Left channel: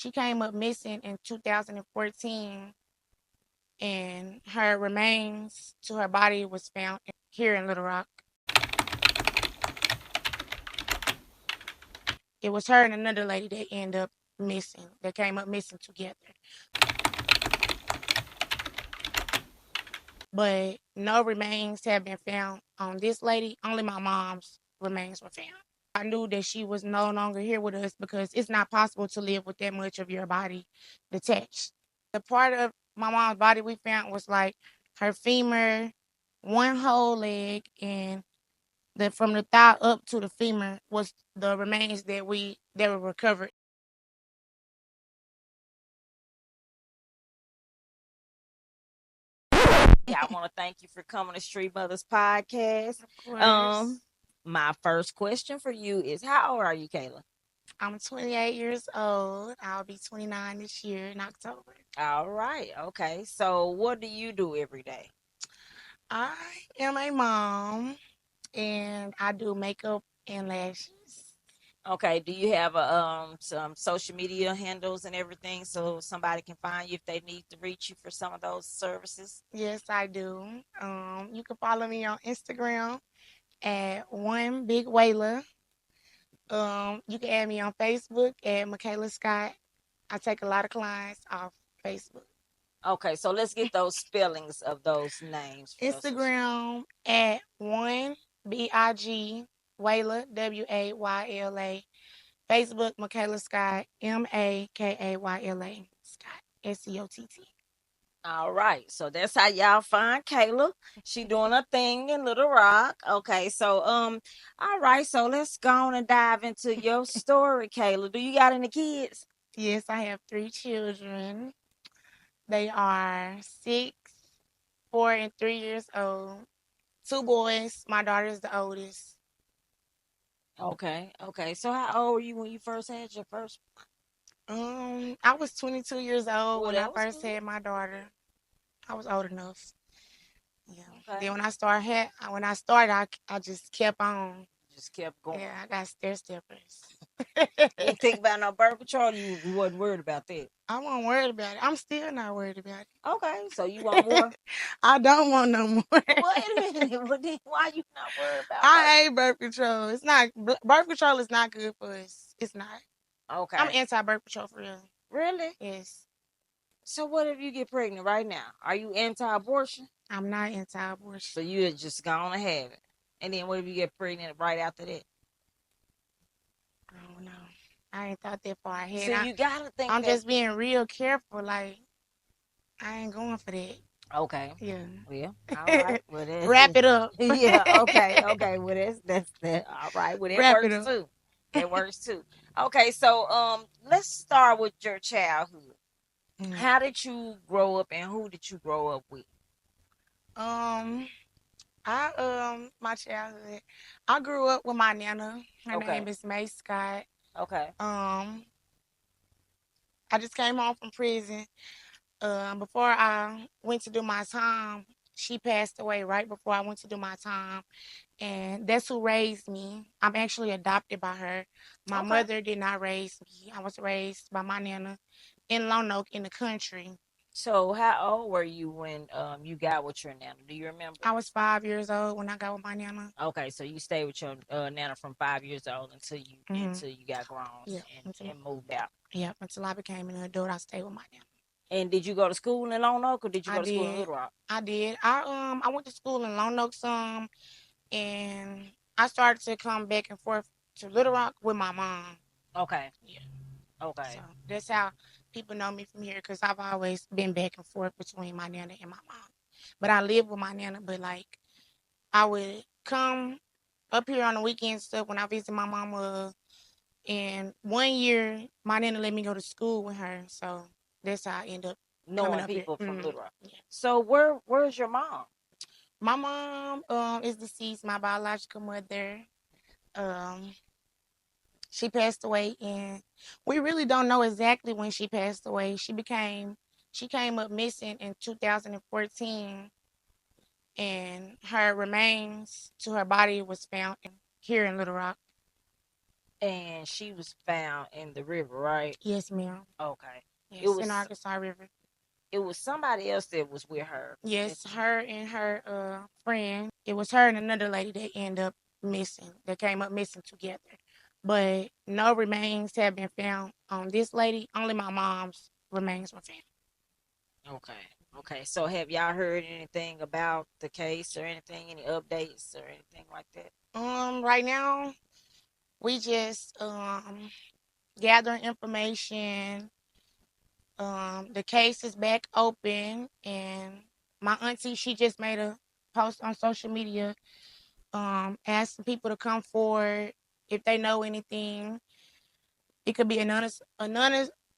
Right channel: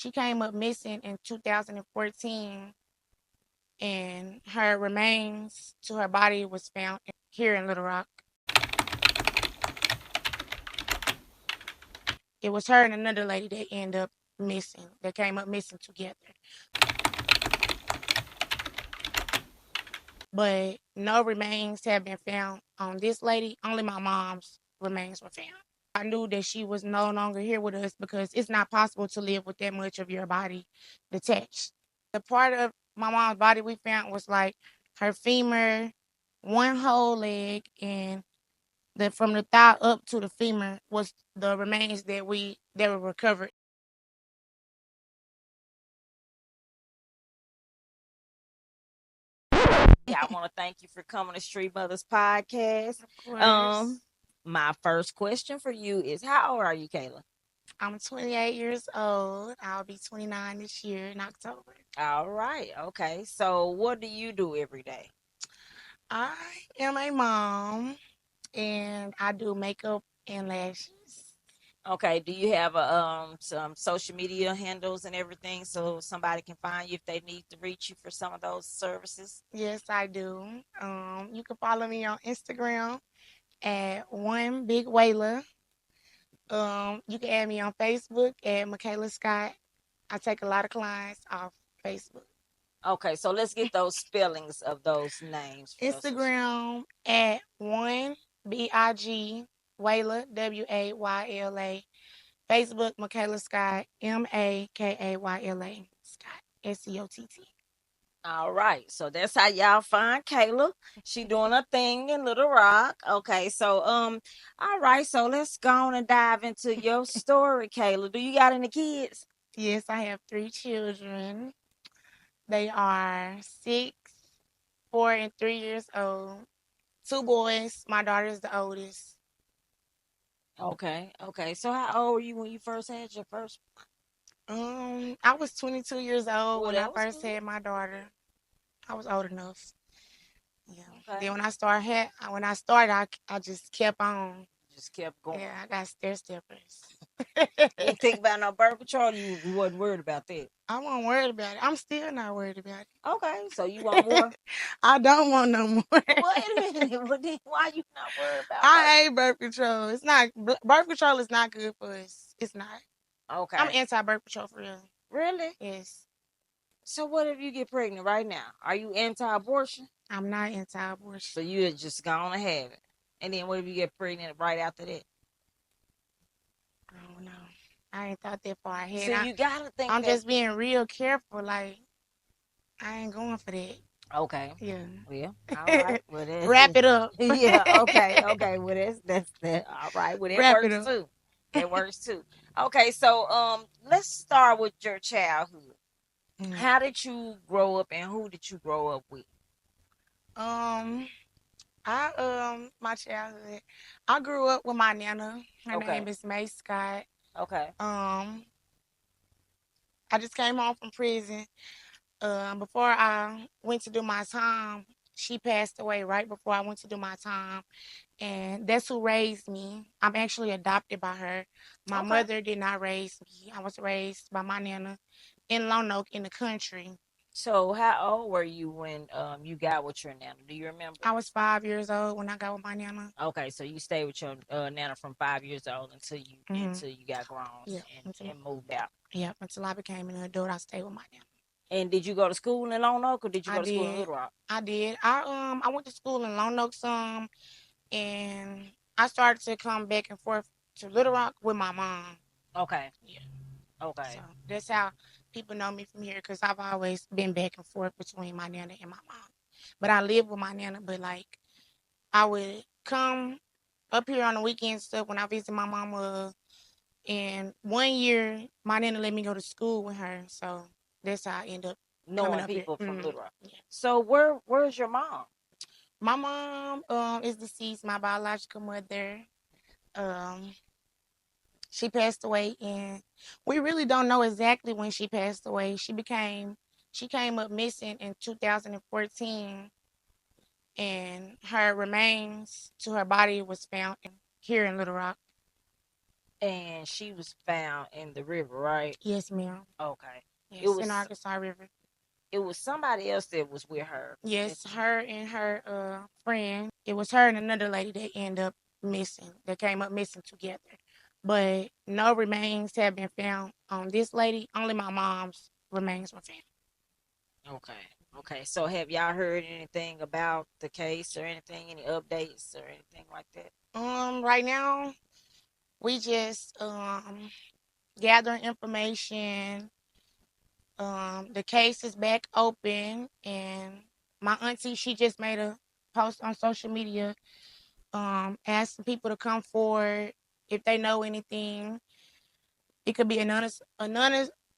She came up missing in 2014, and her remains to her body was found here in Little Rock. It was her and another lady that ended up missing, that came up missing together. But no remains have been found on this lady. Only my mom's remains were found. I knew that she was no longer here with us because it's not possible to live with that much of your body detached. The part of my mom's body we found was like her femur, one whole leg, and from the thigh up to the femur was the remains that were recovered. I want to thank you for coming to Street Mothers Podcast. Of course. My first question for you is, how old are you, Kayla? I'm 28 years old. I'll be 29 this year in October. All right. Okay. So, what do you do every day? I am a mom and I do makeup and lashes. Okay. Do you have some social media handles and everything so somebody can find you if they need to reach you for some of those services? Yes, I do. You can follow me on Instagram at One Big Whaler. You can add me on Facebook at Michaela Scott. I take a lot of clients off Facebook. Okay. So let's get those spellings of those names. Instagram at One Big Whaler Wayla. Facebook Michaela Scott Makayla Scott SCOTT. All right. So that's how y'all find Kayla. She doing a thing in Little Rock. Okay. So all right. So let's go on and dive into your story, Kayla. Do you got any kids? Yes, I have 3 children. They are 6, 4, and 3 years old. 2 boys. My daughter is the oldest. Okay. Okay. So how old were you when you first had your first? I was 22 years old Well, when I that was first good. had my daughter. I was old enough. Yeah. Okay. Then when I started, I just kept on. Just kept going. Yeah, I got stair steppers. You didn't think about no birth control. You wasn't worried about that. I wasn't worried about it. I'm still not worried about Okay. So you want it. more? I don't want no more. Wait a minute. But then why you not worried about birth? I hate birth control. It's not birth control is not good for us. It's not. I'm Okay. anti birth control for real. Really? Yes. So what if you get pregnant right now? Are you anti-abortion? I'm not So anti-abortion. you just gonna have it. And then what if you get pregnant right after that? I don't know. I ain't thought that far ahead. So you gotta think I'm that. just being real careful. Like I ain't going for that. Okay. Yeah. Well, all right. Well, Wrap it up. yeah. Okay. Okay. Well, that's that. All right. Well, that Wrap it works up. too. That works too. Okay. So let's start with your childhood. Mm. How did you grow up, and who did you grow up with? Um, my childhood. I grew up with my nana. Her Okay. name is May Scott. Okay. Um, I just came home from prison. Before I went to do my time, she passed away right before I went to do my time, and that's who raised me. I'm actually adopted by her. My Okay. mother did not raise me. I was raised by my nana in Lone Oak in the country. So how old were you when you got with your nana? Do you remember? I was 5 years old when I got with my nana. Okay, so you stayed with your nana from 5 years old until you Hmm. got grown Yeah, and moved out. until I became an adult, I stayed with my nana. And did you go to school in Lone Oak or did you I go to school in did. Little Rock? I did. I went to school in Lone Oak some, and I started to come back and forth to Little Rock with my mom. Okay, Yeah. So okay, that's how people know me from here because I've always been back and forth between my nana and my mom. But I live with my nana, but like I would come up here on the weekends stuff when I visit my mama. And one year, my nana let me go to school with her, so that's how I end up coming knowing up here. people from Little Rock. Yeah. So where's your mom? My mom is deceased. My biological mother. Um, she passed away, and we really don't know exactly when she passed away. She came up missing in 2014, and her remains to her body was found here in Little Rock. And she was found in the river, right? Yes, ma'am. Okay. It Yes, in was Arkansas River. somebody else that was with her. Yes, her and her friend. It was her and another lady that ended up missing. That came up missing together. But no remains have been found on this lady. Only my mom's remains were found. Okay. Okay. So have y'all heard anything about the case or anything, any updates or anything like that? Right now we just gathering information. The case is back open, and my auntie, she just made a post on social media, asking people to come forward if they know anything. It could be Mm-hmm.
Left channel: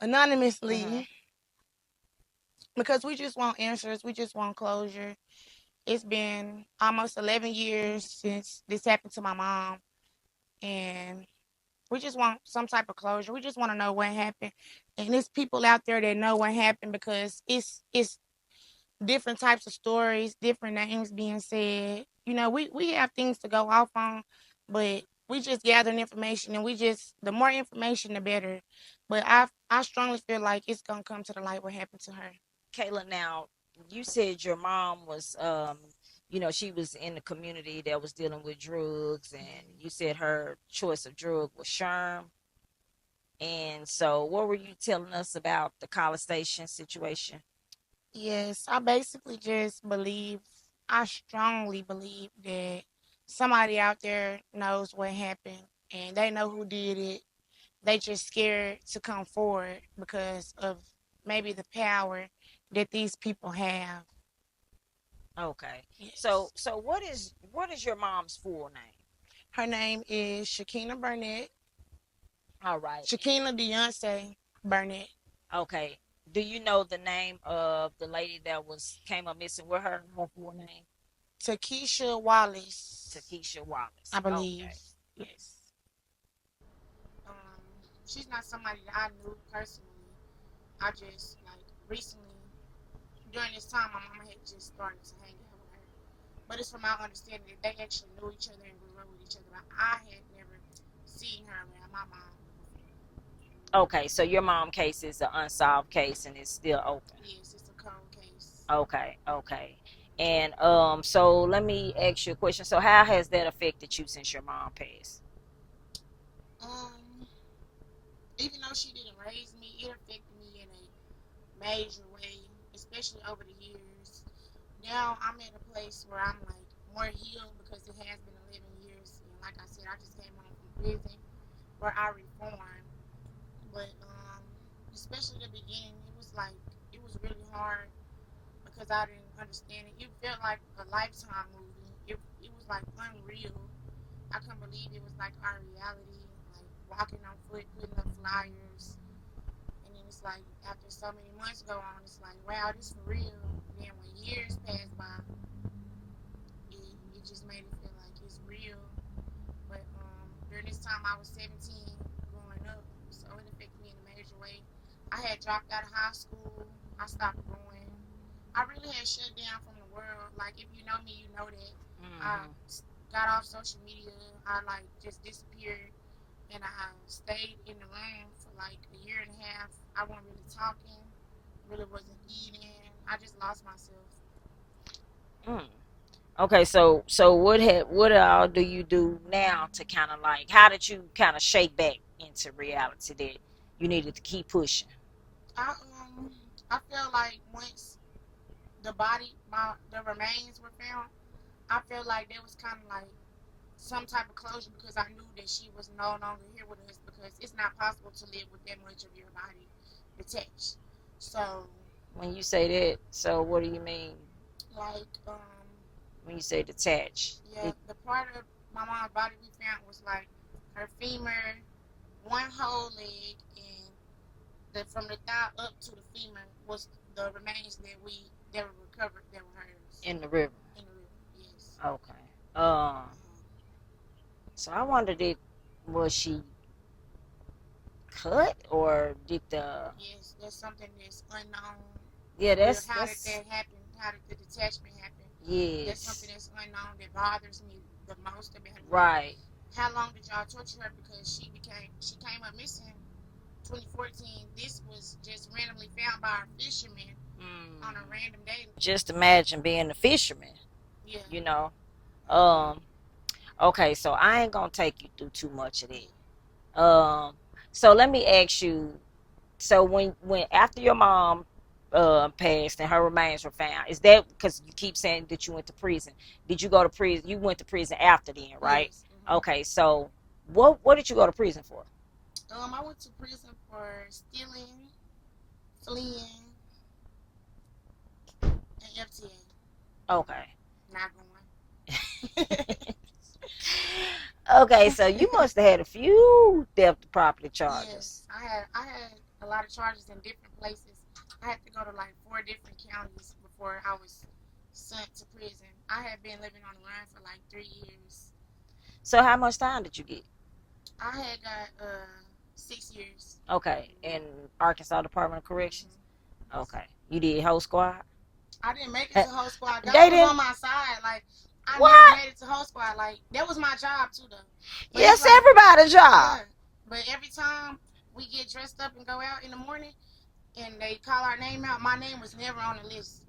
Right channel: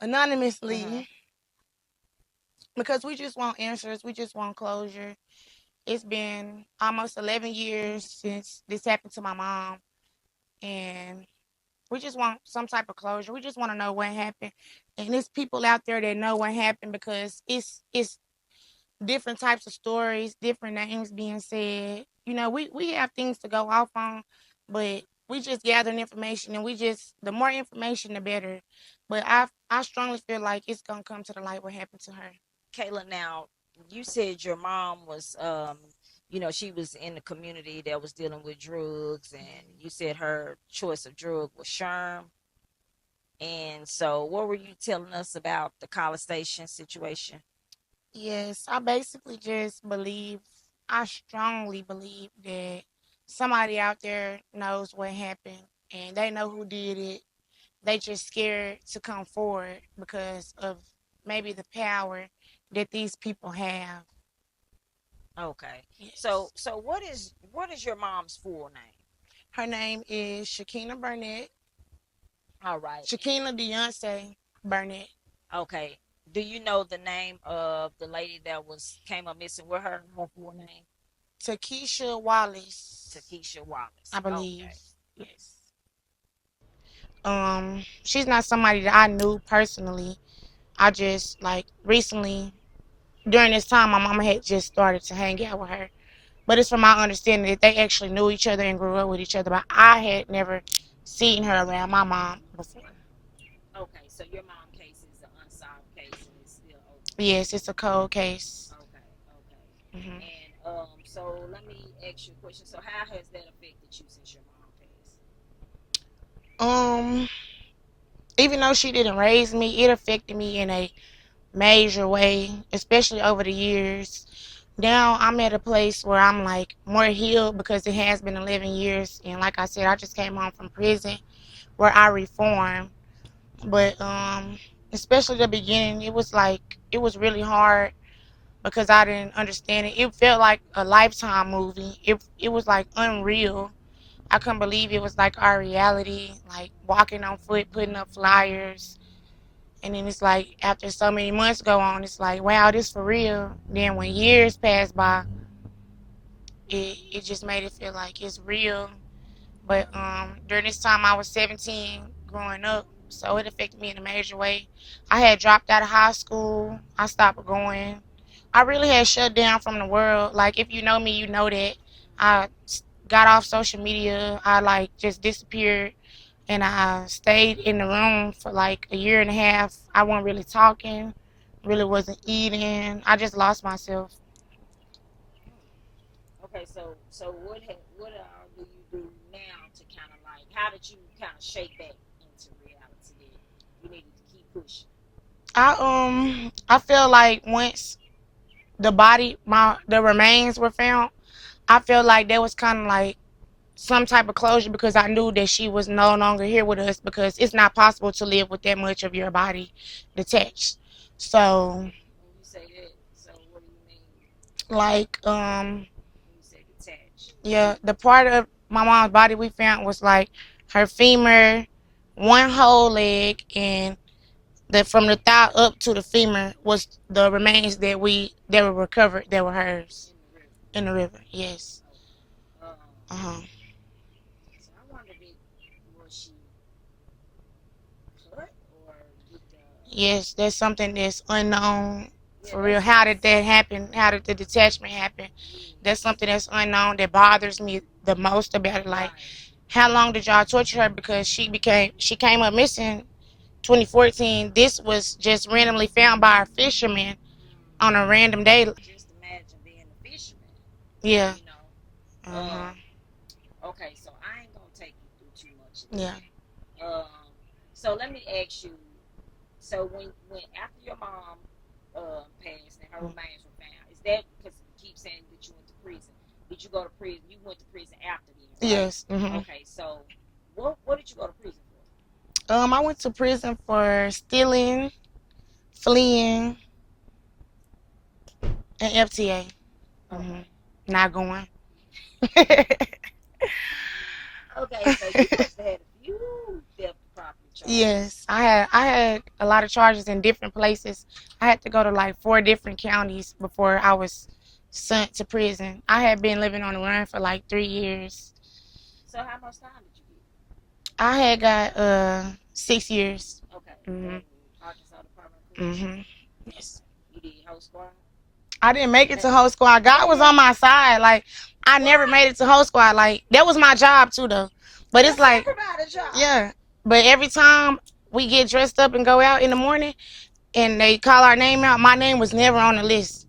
anonymously, because we just want answers. We just want closure. It's been almost 11 years since this happened to my mom, and we just want some type of closure. We just want to know what happened, and there's people out there that know what happened, because it's different types of stories, different names being said. We have things to go off on, but we just gathering information, and we just, the more information the better. But I strongly feel like it's gonna come to the light what happened to her. Kayla, now you said your mom was she was in the community that was dealing with drugs, and you said her choice of drug was Sherm. And so what were you telling us about the college station situation? Yes, I basically just believe, I strongly believe that somebody out there knows what happened, and they know who did it. They just scared to come forward because of maybe the power that these people have. Okay. So Yes. so what is your mom's full name? Her name is Shequenia Burnett. All right. Shequenia Beyonce Burnett. Okay. Do you know the name of the lady that was came up missing with her full name? Takesha Wallace, Takesha I Wallace. believe. Okay. Yes. She's not somebody that I knew personally. I just, like, recently, during this time, my mama had just started to hang out with her. But it's from my understanding that they actually knew each other and grew up with each other. But I had never seen her around my mom before. Okay, so your mom case is an unsolved case and it's still open. Yes, it's a cold case. Okay, okay. Hmm. And so let me ask you a question. So how has that affected you since your mom passed? Um, Even though she didn't raise me, it affected me in a major way, especially over the years. Now I'm at a place where I'm like more healed, because it has been 11 years, and like I said, I just came home from prison where I reformed. But especially the beginning, it was really hard, because I didn't understand it. It felt like a Lifetime movie. It was like unreal. I couldn't believe it was like our reality, like walking on foot, putting up flyers. And then it's like after so many months go on, it's like, wow, this for real. Then when years pass by, it just made it feel like it's real. But during this time, I was 17 growing up, so it affected me in a major way. I had dropped out of high school. I stopped going. I really had shut down from the world. Like, if you know me, you know that I Mm-hmm. got off social media. I like just disappeared, and I stayed in the room for like a year and a half. I wasn't really talking, really wasn't eating. I just lost myself. Mm. Okay, so what all do you do now to kind of like how did you kind of shake back into reality that you needed to keep pushing? I feel like once the remains were found, I felt like there was kind of like some type of closure, because I knew that she was no longer here with us, because it's not possible to live with that much of your body detached. So, When you say that, so what do you mean like, when you say detach? yeah, the part of my mom's body we found was like her femur, one whole leg, and the from the thigh up to the femur was the remains that were recovered, that were hers In the river. in the river. Yes. Okay. Uh huh. So I wondered it was she cut or did the Yes, that's something that's unknown yeah for real. How did that's that happen? How did the detachment happen? That's something yes that's unknown, that bothers me the most about it. Like, right how long did y'all torture her? Because she came up missing 2014. This was just randomly found by a fisherman on a random day. Just imagine being a fisherman. Yeah. You know. Uh-huh. Okay, so I ain't gonna take you through too much of that. Yeah. So let me ask you. So when after your mom passed and her remains were found, is that because you keep saying that you went to prison? Did you go to prison? You went to prison after then, right? Yes. Mm-hmm. Okay, so what did you go to prison for? I went to prison for stealing, fleeing, and FTA. Okay. Not going. Okay, so you must have had a few theft of property charges. Yes, I had a lot of charges in different places. I had to go to like 4 different counties before I was sent to prison. I had been living on the run for like 3 years. So how much time did you get? I had got 6 years. Okay, in Arkansas Department of Corrections. Yes. Okay, you did whole squad. I didn't make it to whole squad. God was on my side. Like I never made it to whole squad. Like that was my job too, though. But That's it's like everybody's job. yeah. But every time we get dressed up and go out in the morning, and they call our name out, my name was never on the list.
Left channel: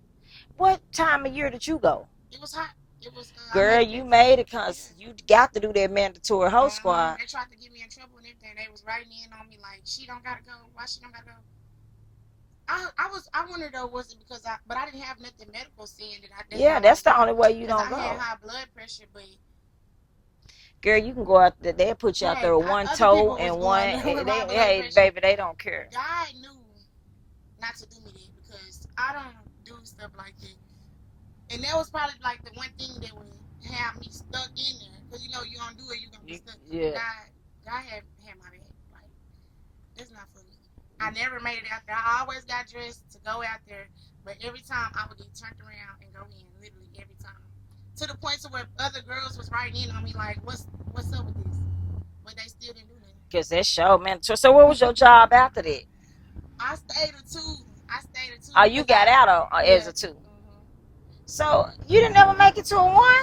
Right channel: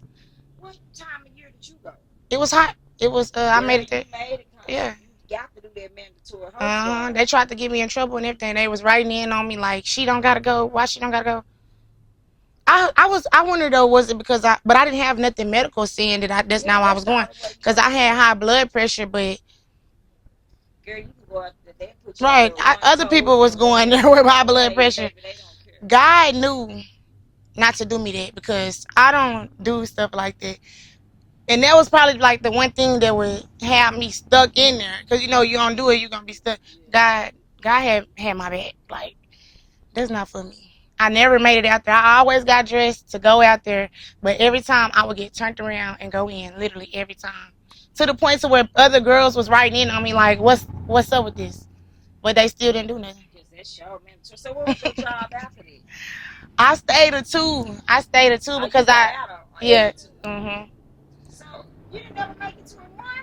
What time of year did you go? It was hot. It was. Girl, I made it. You made it because you got to do that mandatory whole squad. They tried to get me in trouble and everything. They was writing in on me like, she don't gotta go. Why she don't gotta go? I wonder though, was it because but I didn't have nothing medical saying that that's not why I was going, because I had high blood pressure. But girl, you can go out there. They put you out there with one other people was going there with high blood pressure. Baby, they don't care. God knew not to do me that because I don't do stuff like that. And that was probably like the one thing that would have me stuck in there, because you don't do it, you're gonna be stuck. Yeah. God had my back. Like that's not for me. I never made it out there. I always got dressed to go out there, but every time I would get turned around and go in, literally every time. To the point to where other girls was writing in on me like, what's up with this? But they still didn't do nothing. Because that show, man. So what was your job after that? I stayed at 2. Oh, because you got out as a 2. Mm-hmm. So you didn't ever make it to a 1?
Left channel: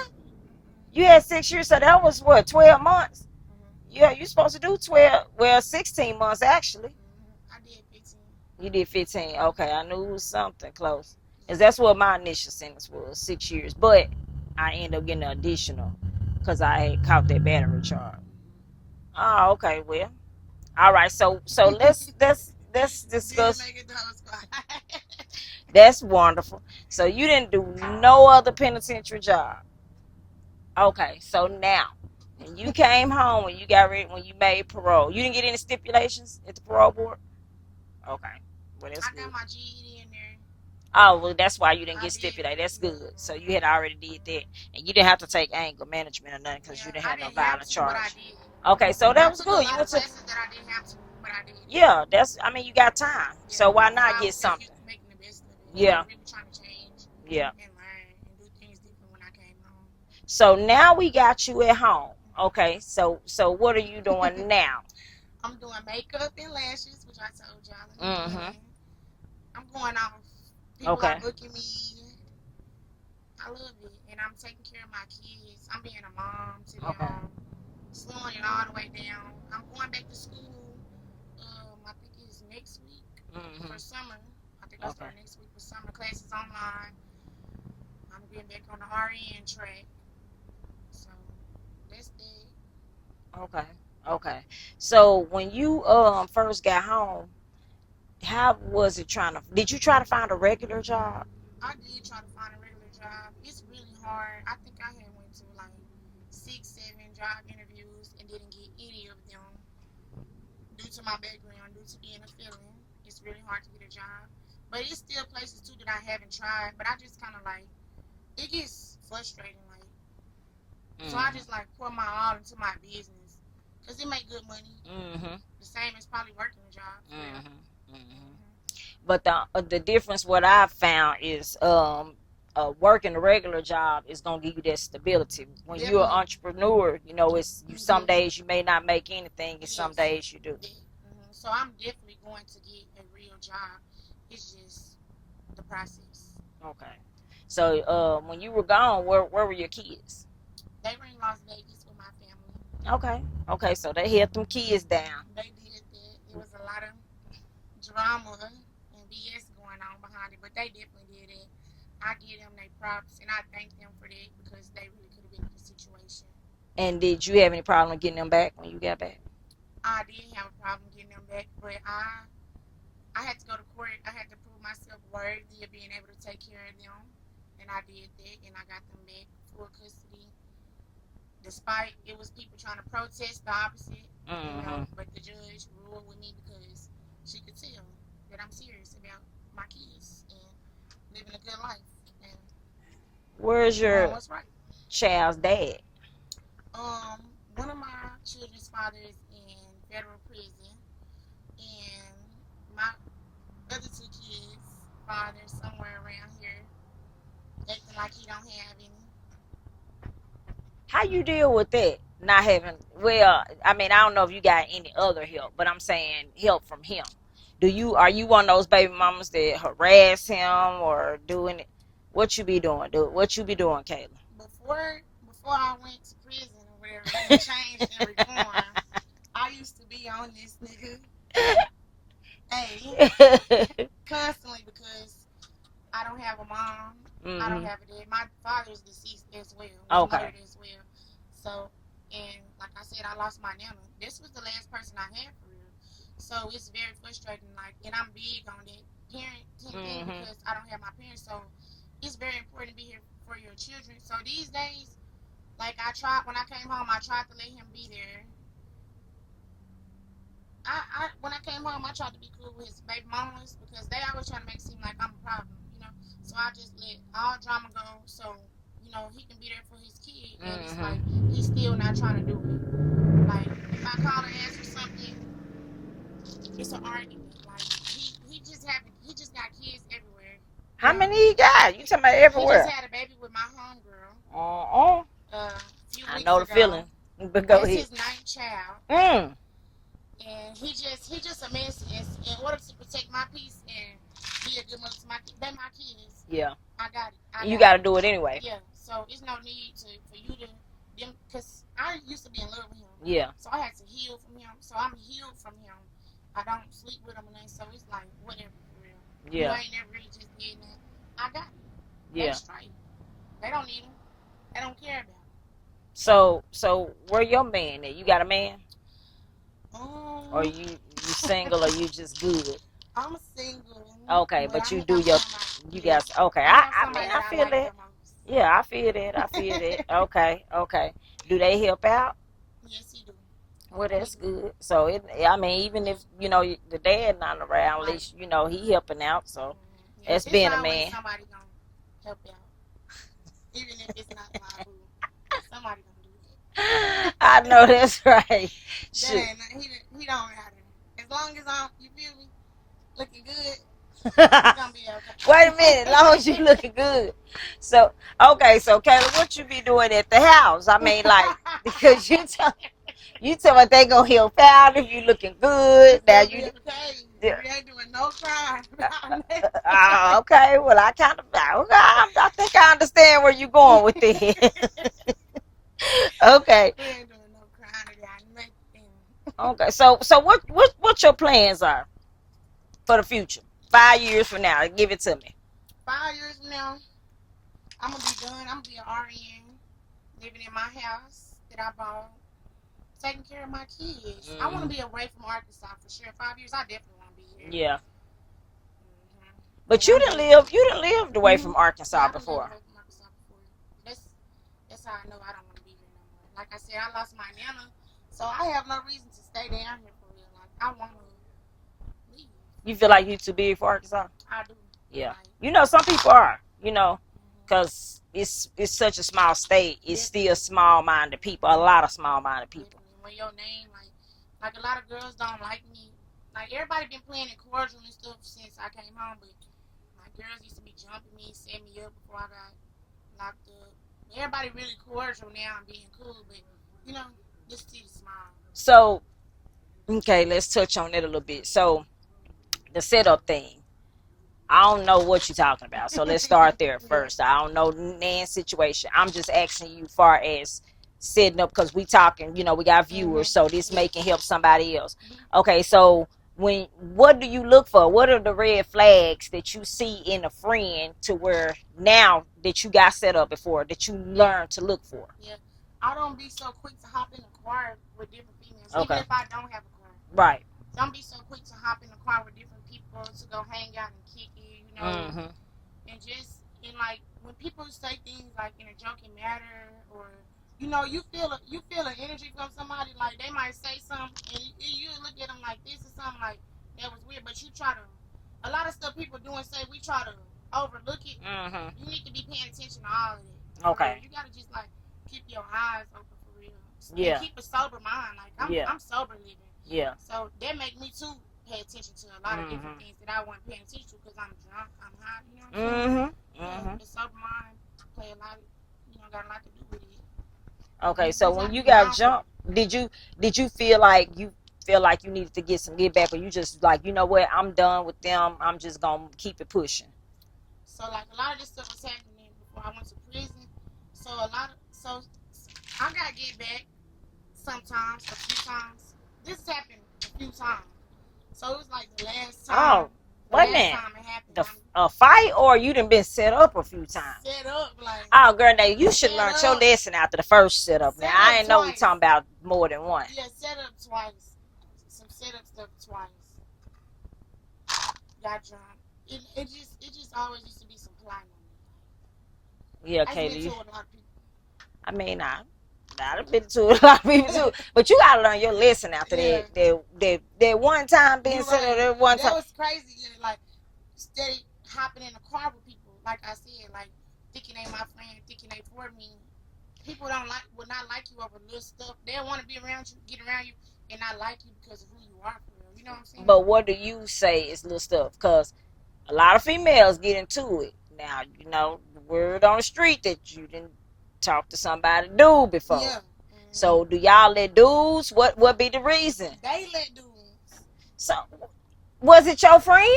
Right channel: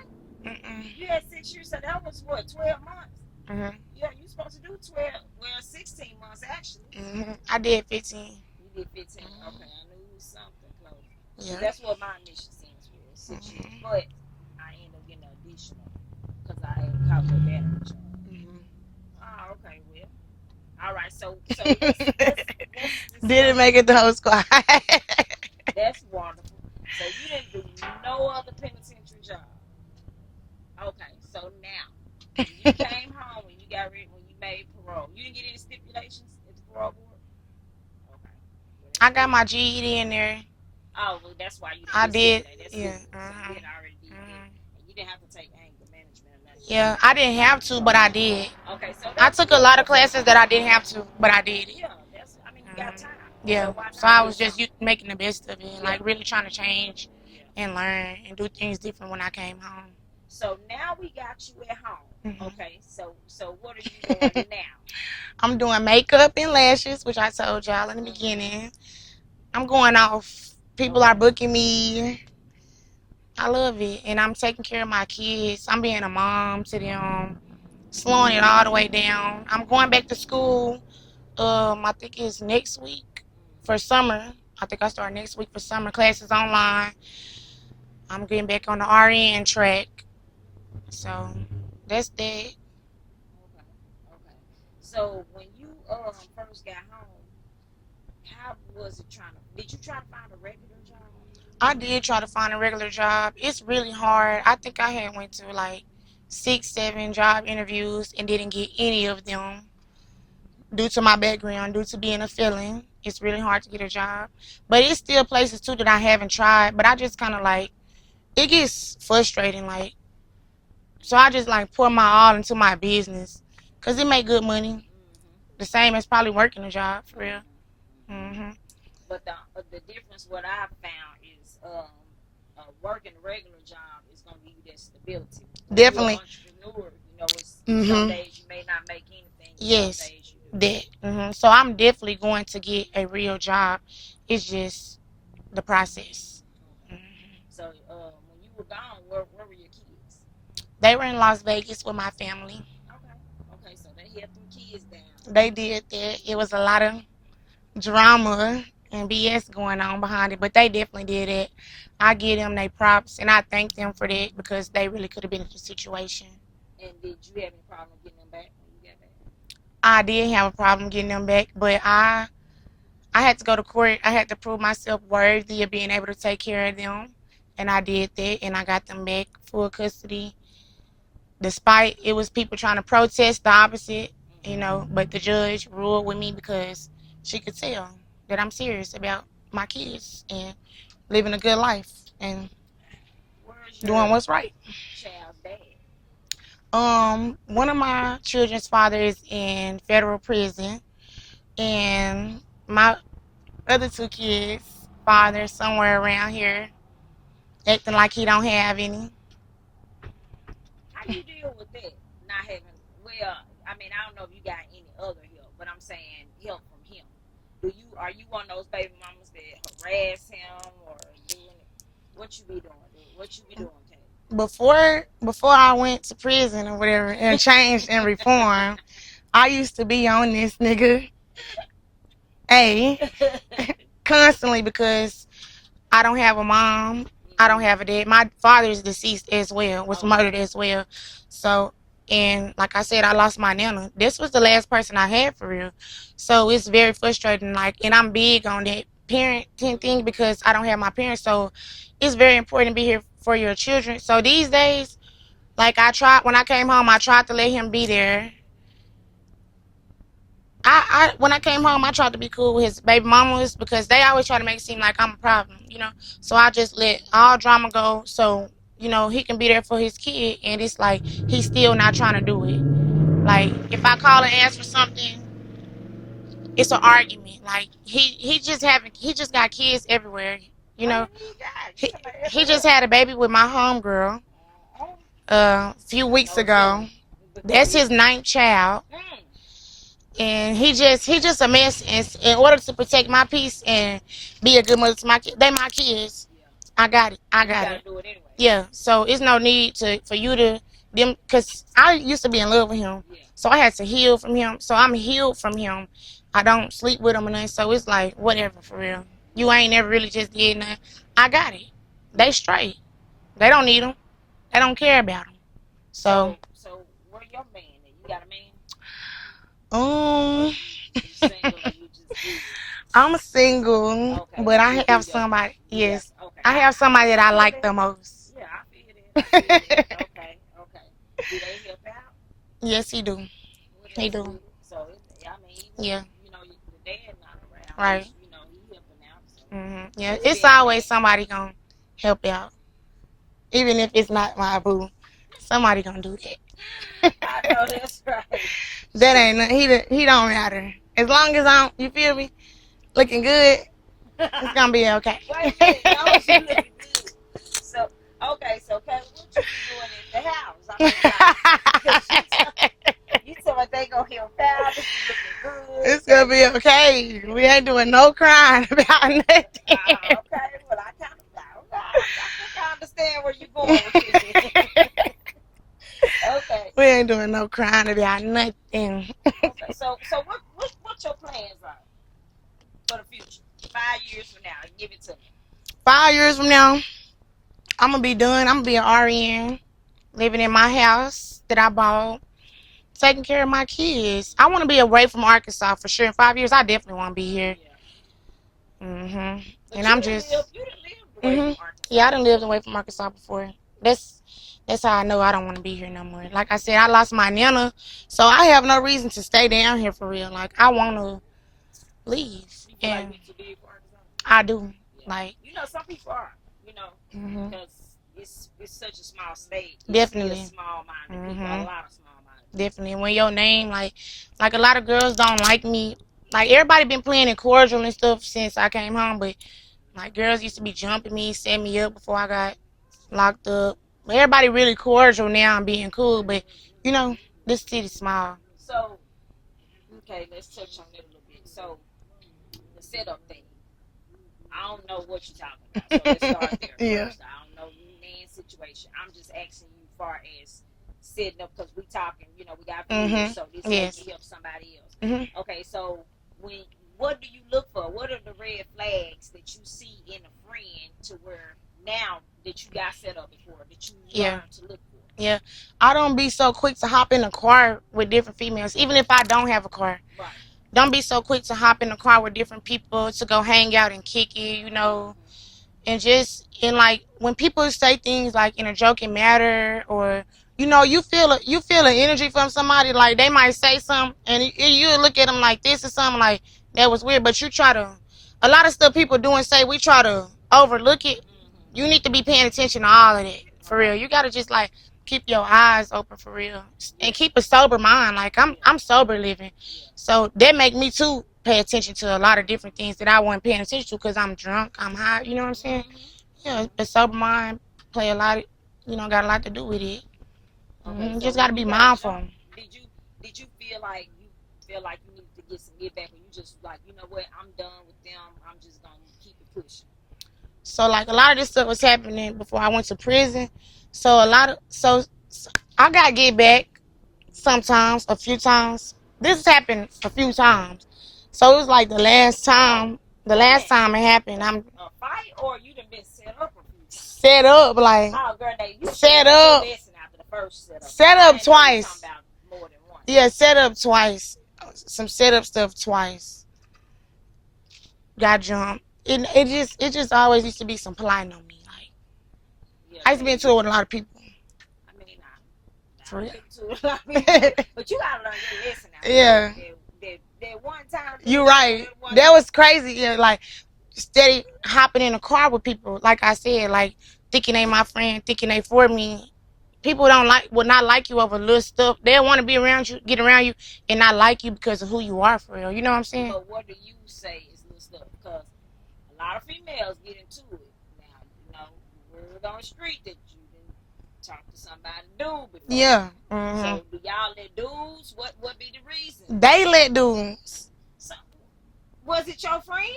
Mm-mm. You had 6 years, so that was what, 12 months? Mm-hmm. Yeah, you're supposed to do 16 months actually. Mm-hmm. I did 15. You did 15. Okay, I knew it was something close. Because that's what my initial sentence was, 6 years. But I ended up getting an additional because I had caught that battery charge. Mm-hmm. Oh, okay, well. All right, so let's discuss. Didn't make it the whole squad. That's wonderful. So you didn't do no other penitentiary job. Okay, so now when you came home and you got ready, when you made parole, you didn't get any stipulations at the parole board? Okay. Well, I got my GED in there. Oh, well, that's why you didn't get stipulated. That's good. So you had already did that. And you didn't have to take anger management or nothing. Yeah, I didn't have to, but I did. Okay, so I took a lot of classes that I didn't have to, but I did. Yeah, you got time. Yeah. So why not? So I was just making the best of it. Yeah. Like really trying to change. Yeah. And learn and do things different when I came home. So now we got you at home. Okay, so what are you doing now? I'm doing makeup and lashes, which I told y'all in the beginning. I'm going off. People are booking me. I love it. And I'm taking care of my kids. I'm being a mom to them. Slowing it all the way down. I'm going back to school. I think it's next week for summer. I think I start next week for summer classes online. I'm getting back on the RN track. So that's that. Okay. So when you first got home, how was it did you try to find a regular job? I did try to find a regular job. It's really hard. I think I had went to like 6, 7 job interviews and didn't get any of them due to my background, due to being a felon. It's really hard to get a job. But it's still places too that I haven't tried. But I just kind of like, it gets frustrating. Like, so I just like pour my all into my business because it make good money. The same as probably working a job for real. But the difference, what I've found is working a regular job is gonna give you that stability. When you're an entrepreneur, it's some days you may not make anything. Some days you do. So I'm definitely going to get a real job. It's just the process. Okay. So when you were gone, where were your kids? They were in Las Vegas with my family. Okay, so they held them kids down. They did that. It was a lot of drama and BS going on behind it, but they definitely did it. I give them their props and I thank them for that because they really could have been in the situation. And did you have any problem getting them back when you got back? I did have a problem getting them back, but I had to go to court. I had to prove myself worthy of being able to take care of them, and I did that, and I got them back full custody. Despite it was people trying to protest the opposite, but the judge ruled with me because she could tell that I'm serious about my kids and living a good life and Where's your doing what's right. child's dad? One of my children's father is in federal prison, and my other two kids' father somewhere around here, acting like he don't have any. How you deal with that? Not having, well, I mean, I don't know if you got any other help, but I'm saying help from him. Are you one of those baby mamas that harass him or doing it? What you be doing? What you be doing, Kayla? Before I went to prison or whatever and changed and reformed, I used to be on this nigga, constantly because I don't have a mom. I don't have a dad. My father is deceased as well, was murdered as well. So, and like I said, I lost my nana. This was the last person I had for real. So it's very frustrating. And I'm big on that parenting thing because I don't have my parents. So it's very important to be here for your children. So these days, when I came home, I tried to let him be there. When I came home, I tried to be cool with his baby mamas because they always try to make it seem like I'm a problem. So I just let all drama go so, he can be there for his kid. And it's like, he's still not trying to do it. Like, if I call and ask for something, it's an argument. Like, he just got kids everywhere. How many he got? You talking about everywhere? He just had a baby with my homegirl a few weeks ago. That's his 9th child. And he just a mess. And in order to protect my peace and be a good mother to my kids, they my kids. Yeah, I got it. You got to do it anyway. Yeah, so it's no need for you to them because I used to be in love with him. Yeah. So I had to heal from him. So I'm healed from him. I don't sleep with him and nothing. So it's like whatever for real. Yeah. You ain't never really just did nothing. I got it. Yeah. They straight. They don't need him. They don't care about him. So where your man at? You got a man? Or you single or you just good? I'm single. Okay. But I have somebody. Yes. Okay. I have somebody that I like the most. Yeah, I feel that. Okay. Do they help out? Yes, he do. Well, that's good. So even if the dad not around, right. Which, he helping out. So yeah, it's always somebody gonna help out, even if it's not my boo. Somebody gonna do that. I know that's right. That ain't he don't matter. As long as you feel me, looking good, it's gonna be okay. Wait a minute, as long as you looking good. So Kayla, what you be doing at the house? I mean, because you tell me they gonna help out if you looking good. It's gonna be okay. Yeah. We ain't doing no crying about nothing. Okay. Well, I think I understand where you're going with it. Okay. We ain't doing no crying about nothing. Okay. So what your plans are for the future? 5 years from now, give it to me. 5 years from now, I'm gonna be done. I'm gonna be an RN, living in my house that I bought, taking care of my kids. I want to be away from Arkansas for sure. In 5 years, I definitely want to be here. Yeah. But you done lived away from Arkansas. Yeah, I done lived away from Arkansas before. That's how I know I don't want to be here no more. Like I said, I lost my nana, so I have no reason to stay down here for real. Like, I want to leave. You feel like you too big for Arkansas? I do. Yeah. Some people are, because it's such a small state. It's definitely. Still small-minded people, a lot of small-minded people. Definitely. When your name, like a lot of girls don't like me. Like, everybody been playing it cordial and stuff since I came home, but, like, girls used to be jumping me, setting me up before I got locked up. Everybody really cordial now and being cool, but, this city's small. So, okay, let's touch on it a little bit. So, the setup thing. I don't know what you're talking about, so let's start there first. I don't know Nan's situation. I'm just asking you far as setting up, because we talking, we got viewers, so this may Yes. can help somebody else. Mm-hmm. Okay, so what do you look for? What are the red flags that you see in a friend to where now that you got set up before that you learn to look for? Yeah. I don't be so quick to hop in a car with different females, even if I don't have a car. Right. Don't be so quick to hop in the car with different people to go hang out and kick it, and just and like when people say things like in a joking matter, or you feel an energy from somebody, like they might say something and you look at them like this or something like that was weird, but you try to, a lot of stuff people do and say, we try to overlook it. You need to be paying attention to all of that, for real. You gotta just like keep your eyes open, for real, and keep a sober mind. Like I'm sober living, so that make me too pay attention to a lot of different things that I wasn't paying attention to because I'm drunk, I'm high. You know what I'm saying? Yeah, a sober mind play a lot. Got a lot to do with it. Okay, so just gotta when be mindful. Did you feel like you needed to get back, or you just like, you know what, I'm done with them, I'm just gonna keep it pushing? So like a lot of this stuff was happening before I went to prison. So I gotta get back sometimes, a few times. This has happened a few times. So it was like the last time. The last time it happened, I'm a fight, or you done been set up a few times? Set up, like, oh girl, now you should learn your lesson after the first setup. Set up twice. Know you're talking about more than one. Yeah, set up twice. Some setup stuff twice. Got jumped. It just always used to be some plotting on me. Like, yeah, I used to be into it with a lot of people. I mean, I've been to a lot of people too, but you gotta learn your lesson after that one time. You're right. That was crazy. Yeah, like steady hopping in a car with people. Like I said, like thinking they my friend, thinking they for me. People will not like you over little stuff. They want to be around you, get around you, and not like you because of who you are, for real. You know what I'm saying? But what do you say is little stuff? Because a lot of females get into it. Now, the word on the street that you didn't talk to somebody dude before. Yeah. So do y'all let dudes? What be the reason? They let dudes. So was it your friend?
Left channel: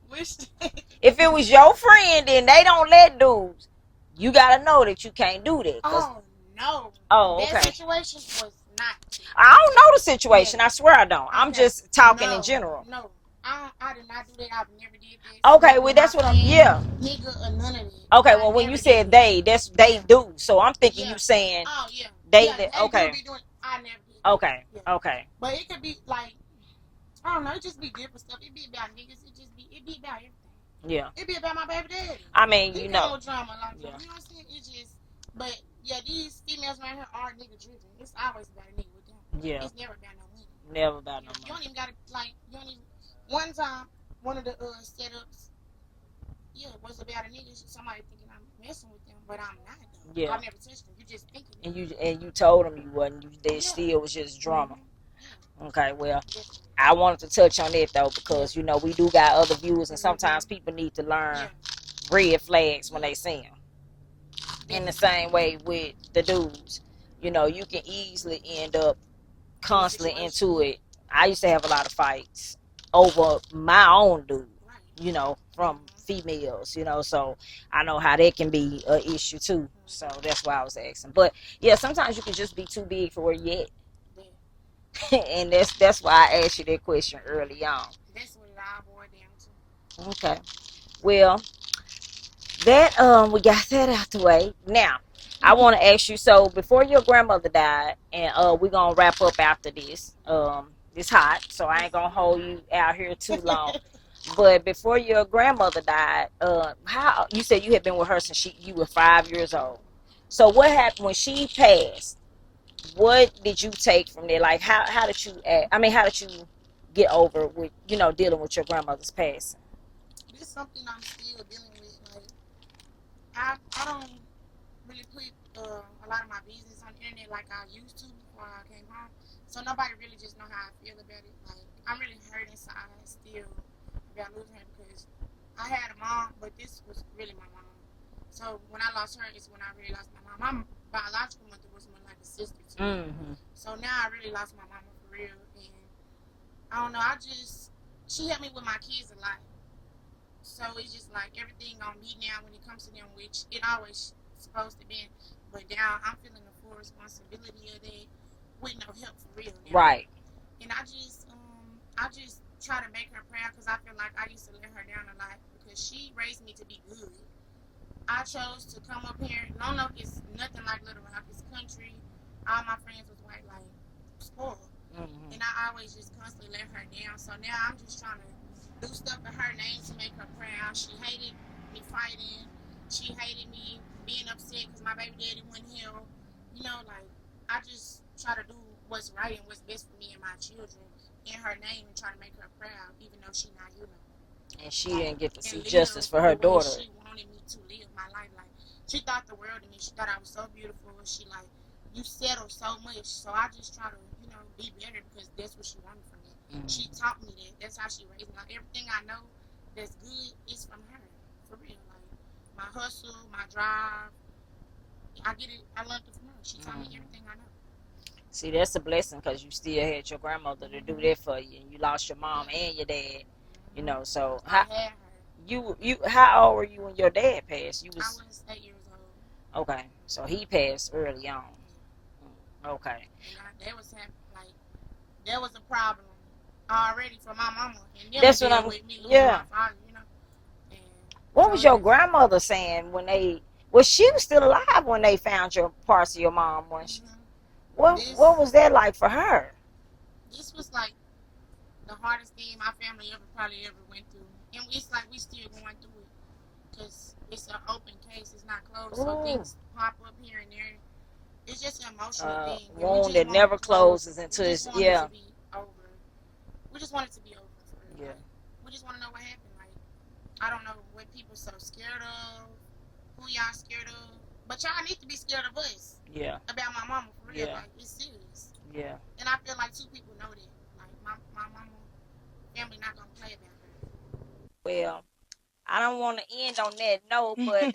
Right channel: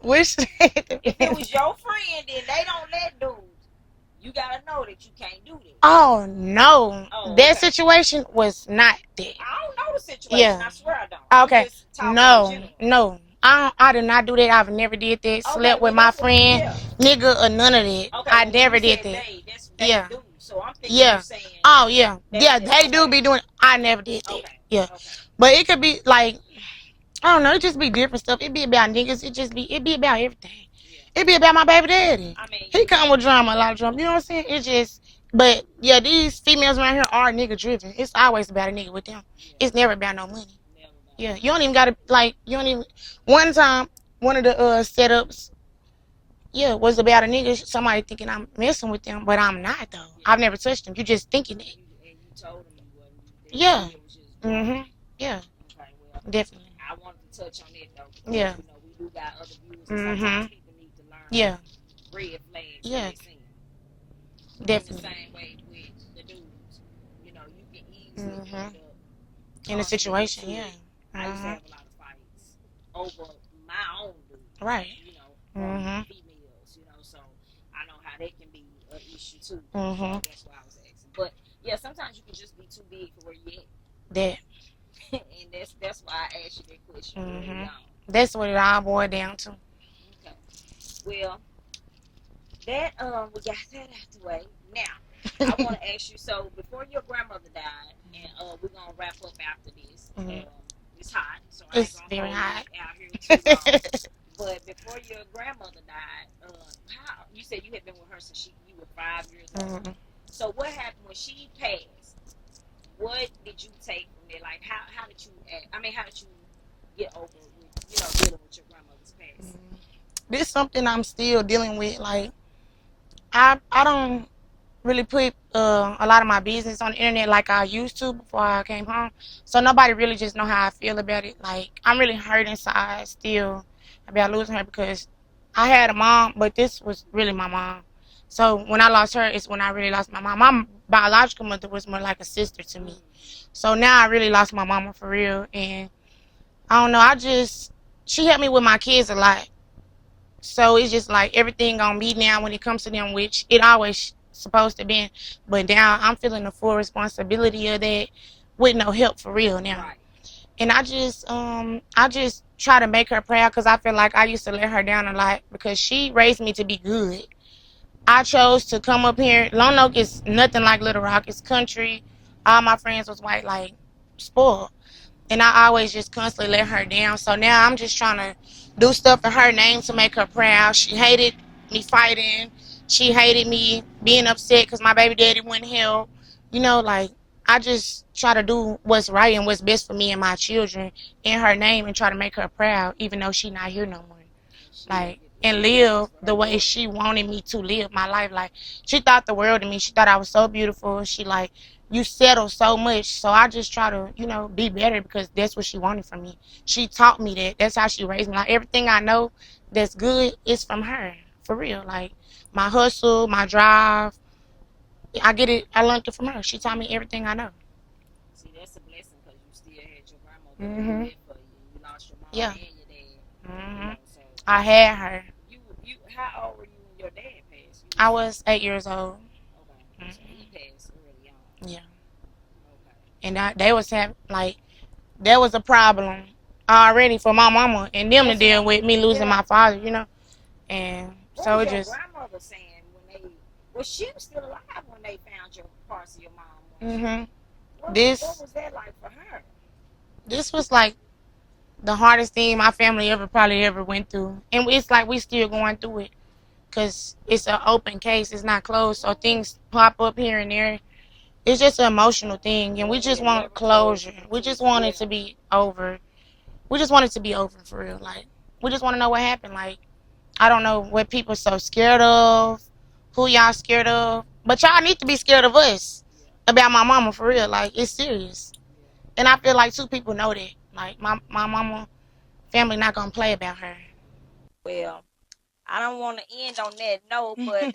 Which if it was your friend, then they don't let dudes. You gotta know that you can't do that. Oh no! That situation was not that. I don't know the situation. I swear I don't. I'm just talking in general. No. I did not do that. I've never did that. Slept with my friend, nigga, or none of that. Okay, I never did that. They do. So I'm thinking you saying. Oh yeah, they do be doing. I never did that. Okay. But it could be like, I don't know. It just be different stuff. It be about niggas. It be about everything. Yeah. It be about my baby daddy. I mean, he come with drama, a lot of drama. You know what I'm saying? It just. But yeah, these females around here are nigga driven. It's always about a nigga with them. Yeah. It's never about no money. Never about. Yeah, you don't even gotta One time, one of the setups, was about a nigga. Somebody thinking I'm messing with them, but I'm not though. Yeah. I've never touched them. You just thinking that. And you told them you wasn't. They still was just drunk. Mm-hmm. Yeah. Okay. Well. Definitely. I wanted to touch on that though because we do got other viewers, and sometimes people need to learn red flags when they see them. Definitely. In the same way with the dudes, you can easily end up constantly into it. I used to have a lot of fights over my own dude, right? From females, so I know how that can be an issue too. So that's why I was asking. But yeah, sometimes you can just be too big for where you at. That. And that's why I asked you that question early on. That's what it all boiled down to. Okay. Well, that we got that out the way. Now, I want to ask you. So before your grandmother died, and we're gonna wrap up after this. It's hot, so I ain't gonna hold you out here too long. But before your grandmother died, how you said you had been with her since you were 5 years old. So what happened when she passed? What did you take from there? Like how did you act? I mean, how did you get over with dealing with your grandmother's passing? This is something I'm still dealing with. Like I don't really put a lot of my business on the internet like I used to before I came home. So nobody really just know how I feel about it. Like I'm really hurt inside still about losing her because I had a mom, but this was really my mom. So when I lost her, it's when I really lost my mom. My biological mother was more like a sister to me. So now I really lost my mama for real. And I don't know, she helped me with my kids a lot. So it's just like everything on me now when it comes to them, which it always supposed to be. But now I'm feeling the full responsibility of that with no help for real now. Right. And I just try to make her proud because I feel like I used to let her down a lot because she raised me to be good. I chose to come up here. Lone Oak is nothing like Little Rock. It's country. All my friends was white, like spoiled. Mm-hmm. And I always just constantly let her down. So now I'm just trying to do stuff in her name to make her proud. She hated me fighting. She hated me being upset because my baby daddy wouldn't help. Like I just try to do what's right and what's best for me and my children in her name and try to make her proud, even though she not here no more. And she Like didn't get to and see justice live for her the way daughter. she wanted me to live my life. Like she thought the world of me. She thought I was so beautiful. She like you settle so much. So I just try to, be better because that's what she wanted from me. She Mm-hmm. taught me that. That's how she raised me. Like everything I know that's good is from her. For real. Like my hustle, my drive. I get it. I learned it from her. She taught me Mm-hmm. everything I know. See, that's a blessing because you still had your grandmother to do Mhm. that for you, and you lost your mom Yeah. and your dad. Mhm. So I had her. how old were you when your dad passed? You I was was 8 years old. okay. So he Mhm. passed early on. Yeah. Okay. And they was having like there was a problem already for my mama and them to That's what deal I'm. with me losing Yeah. my father. And What so was it your just grandmother saying when they? Well, she was still alive when they found your parts of your mom, wasn't she? hmm What this was that like for her? this was like the hardest thing my family ever probably ever went through, and it's like we still going through it because it's an open case, it's not closed, so Ooh, things pop up here and there. It's just an emotional thing, and we wound just that want never closure. closes We until just it's want it yeah, to be over. We just want it to be over for real. yeah, Like we just want to know what happened. Like I don't know what people so scared of, who y'all scared of, but y'all need to be scared of us yeah, about my mama for real. yeah, Like it's serious, yeah. and I feel like two people know that. Like my mama family not gonna play about her. Well, I don't want to end on that note, but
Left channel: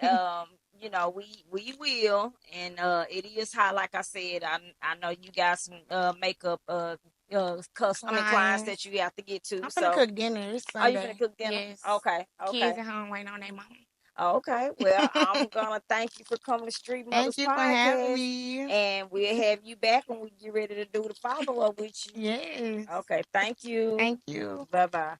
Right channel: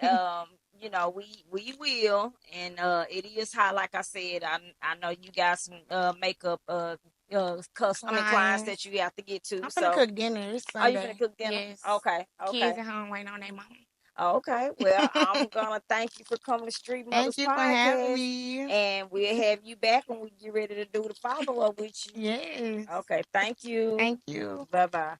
we will, and it is high. Like I said, I know you got some makeup clients Clients. that you have to get to. I'm finna So, cook dinner. It's are you gonna Sunday. cook dinner? Yes. Okay, Kids okay. at home waiting on their mama. Okay, well, I'm gonna thank you for coming to Street Thank Mothers you for having podcast, me. and we'll have you back when we get ready to do the follow up with you. Yes. Okay, thank you. Thank you. Bye bye.